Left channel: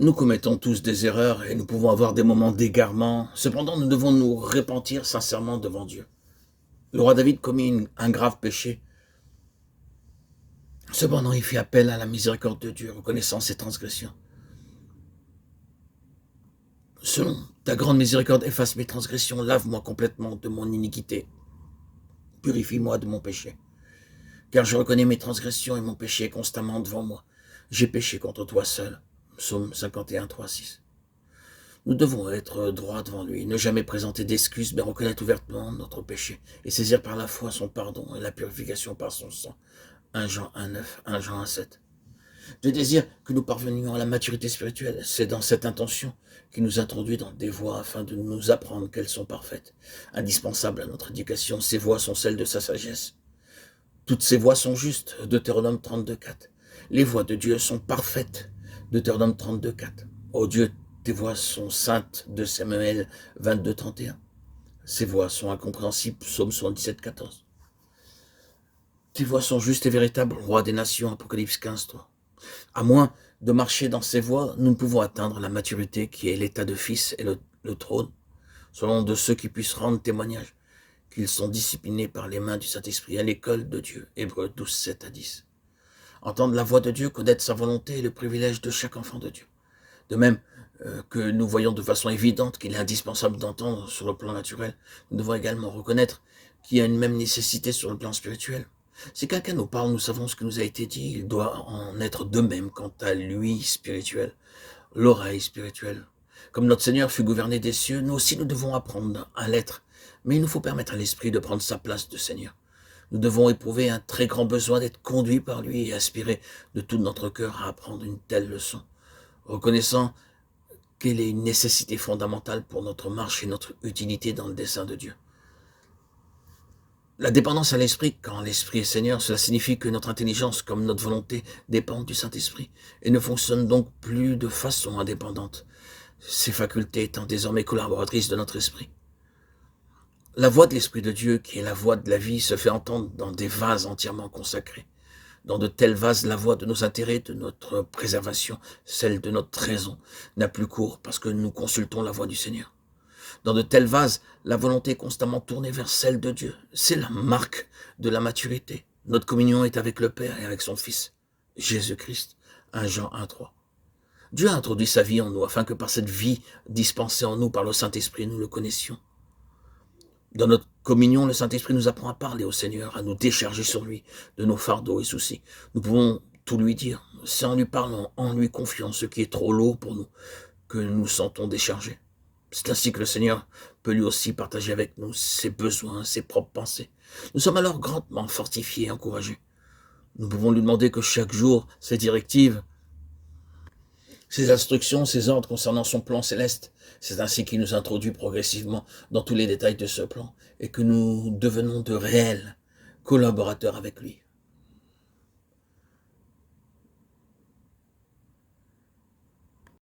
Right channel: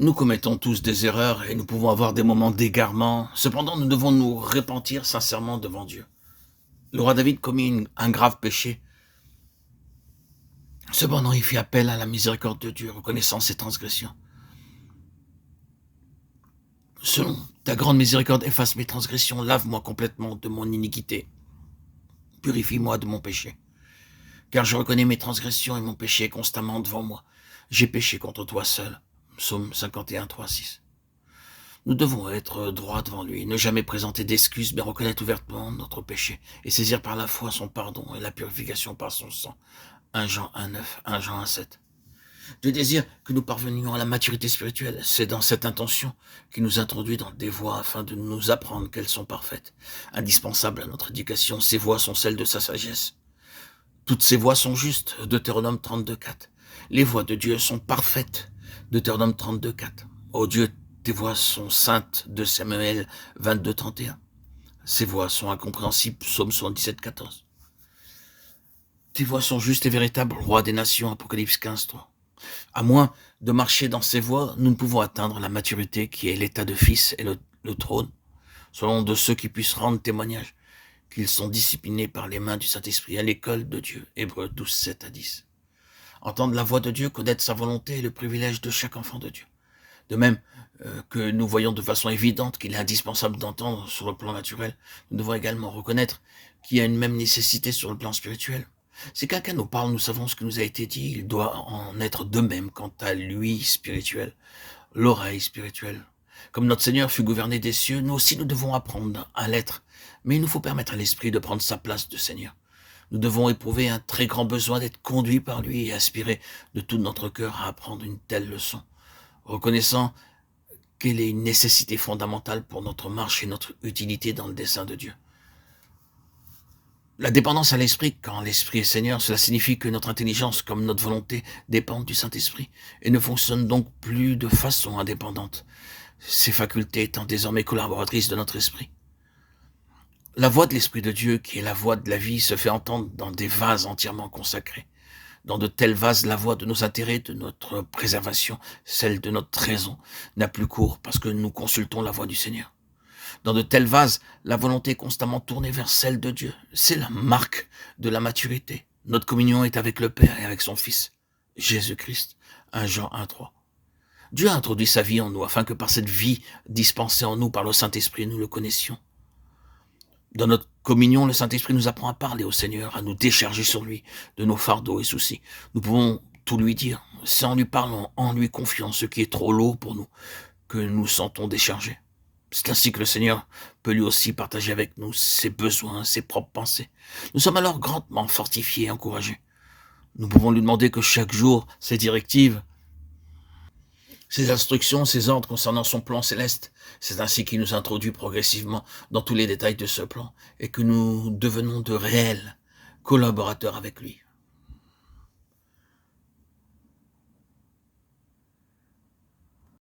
Nous commettons tous des erreurs et nous pouvons avoir des moments d'égarement. Cependant, nous devons nous repentir sincèrement devant Dieu. Le roi David commit un grave péché. Cependant, il fit appel à la miséricorde de Dieu, reconnaissant ses transgressions. Selon ta grande miséricorde, efface mes transgressions, lave-moi complètement de mon iniquité. Purifie-moi de mon péché. Car je reconnais mes transgressions et mon péché est constamment devant moi. J'ai péché contre toi seul. Psaume 51, 3, 6. Nous devons être droits devant lui, ne jamais présenter d'excuses, mais reconnaître ouvertement notre péché et saisir par la foi son pardon et la purification par son sang. 1 Jean 1,9, 1 Jean 1,7. Dieu désire que nous parvenions à la maturité spirituelle. C'est dans cette intention qu'il nous introduit dans des voies afin de nous apprendre qu'elles sont parfaites, indispensables à notre éducation. Ces voies sont celles de sa sagesse. Toutes ces voies sont justes. Deutéronome 32, 4. Les voies de Dieu sont parfaites. Deutéronome 32, 4. Ô Dieu, tes voies sont saintes. 2 Samuel 22, 31. Ces voies sont incompréhensibles. Psaume 77, 14. Tes voies sont justes et véritables. Roi des nations. Apocalypse 15, 3. À moins de marcher dans ces voies, nous ne pouvons atteindre la maturité qui est l'état de fils et le trône, selon de ceux qui puissent rendre témoignage qu'ils sont disciplinés par les mains du Saint-Esprit à l'école de Dieu. Hébreux 12, 7 à 10. Entendre la voix de Dieu, connaître sa volonté est le privilège de chaque enfant de Dieu. De même que nous voyons de façon évidente qu'il est indispensable d'entendre sur le plan naturel, nous devons également reconnaître qu'il y a une même nécessité sur le plan spirituel. Si quelqu'un nous parle, nous savons ce qui nous a été dit, il doit en être de même quant à lui spirituel, l'oreille spirituelle. Comme notre Seigneur fut gouverné des cieux, nous aussi nous devons apprendre à l'être, mais il nous faut permettre à l'Esprit de prendre sa place de Seigneur. Nous devons éprouver un très grand besoin d'être conduits par lui et aspirer de tout notre cœur à apprendre une telle leçon, reconnaissant qu'elle est une nécessité fondamentale pour notre marche et notre utilité dans le dessein de Dieu. La dépendance à l'Esprit, quand l'Esprit est Seigneur, cela signifie que notre intelligence comme notre volonté dépendent du Saint-Esprit et ne fonctionnent donc plus de façon indépendante, ces facultés étant désormais collaboratrices de notre esprit. La voix de l'Esprit de Dieu, qui est la voix de la vie, se fait entendre dans des vases entièrement consacrés. Dans de tels vases, la voix de nos intérêts, de notre préservation, celle de notre raison, n'a plus cours parce que nous consultons la voix du Seigneur. Dans de tels vases, la volonté est constamment tournée vers celle de Dieu. C'est la marque de la maturité. Notre communion est avec le Père et avec son Fils, Jésus-Christ. 1 Jean 1, 3. Dieu a introduit sa vie en nous afin que par cette vie dispensée en nous par le Saint-Esprit, nous le connaissions. Dans notre communion, le Saint-Esprit nous apprend à parler au Seigneur, à nous décharger sur lui de nos fardeaux et soucis. Nous pouvons tout lui dire. C'est en lui parlant, en lui confiant ce qui est trop lourd pour nous, que nous sentons déchargés. C'est ainsi que le Seigneur peut lui aussi partager avec nous ses besoins, ses propres pensées. Nous sommes alors grandement fortifiés et encouragés. Nous pouvons lui demander que chaque jour, ses directives, ses instructions, ses ordres concernant son plan céleste, c'est ainsi qu'il nous introduit progressivement dans tous les détails de ce plan et que nous devenons de réels collaborateurs avec lui.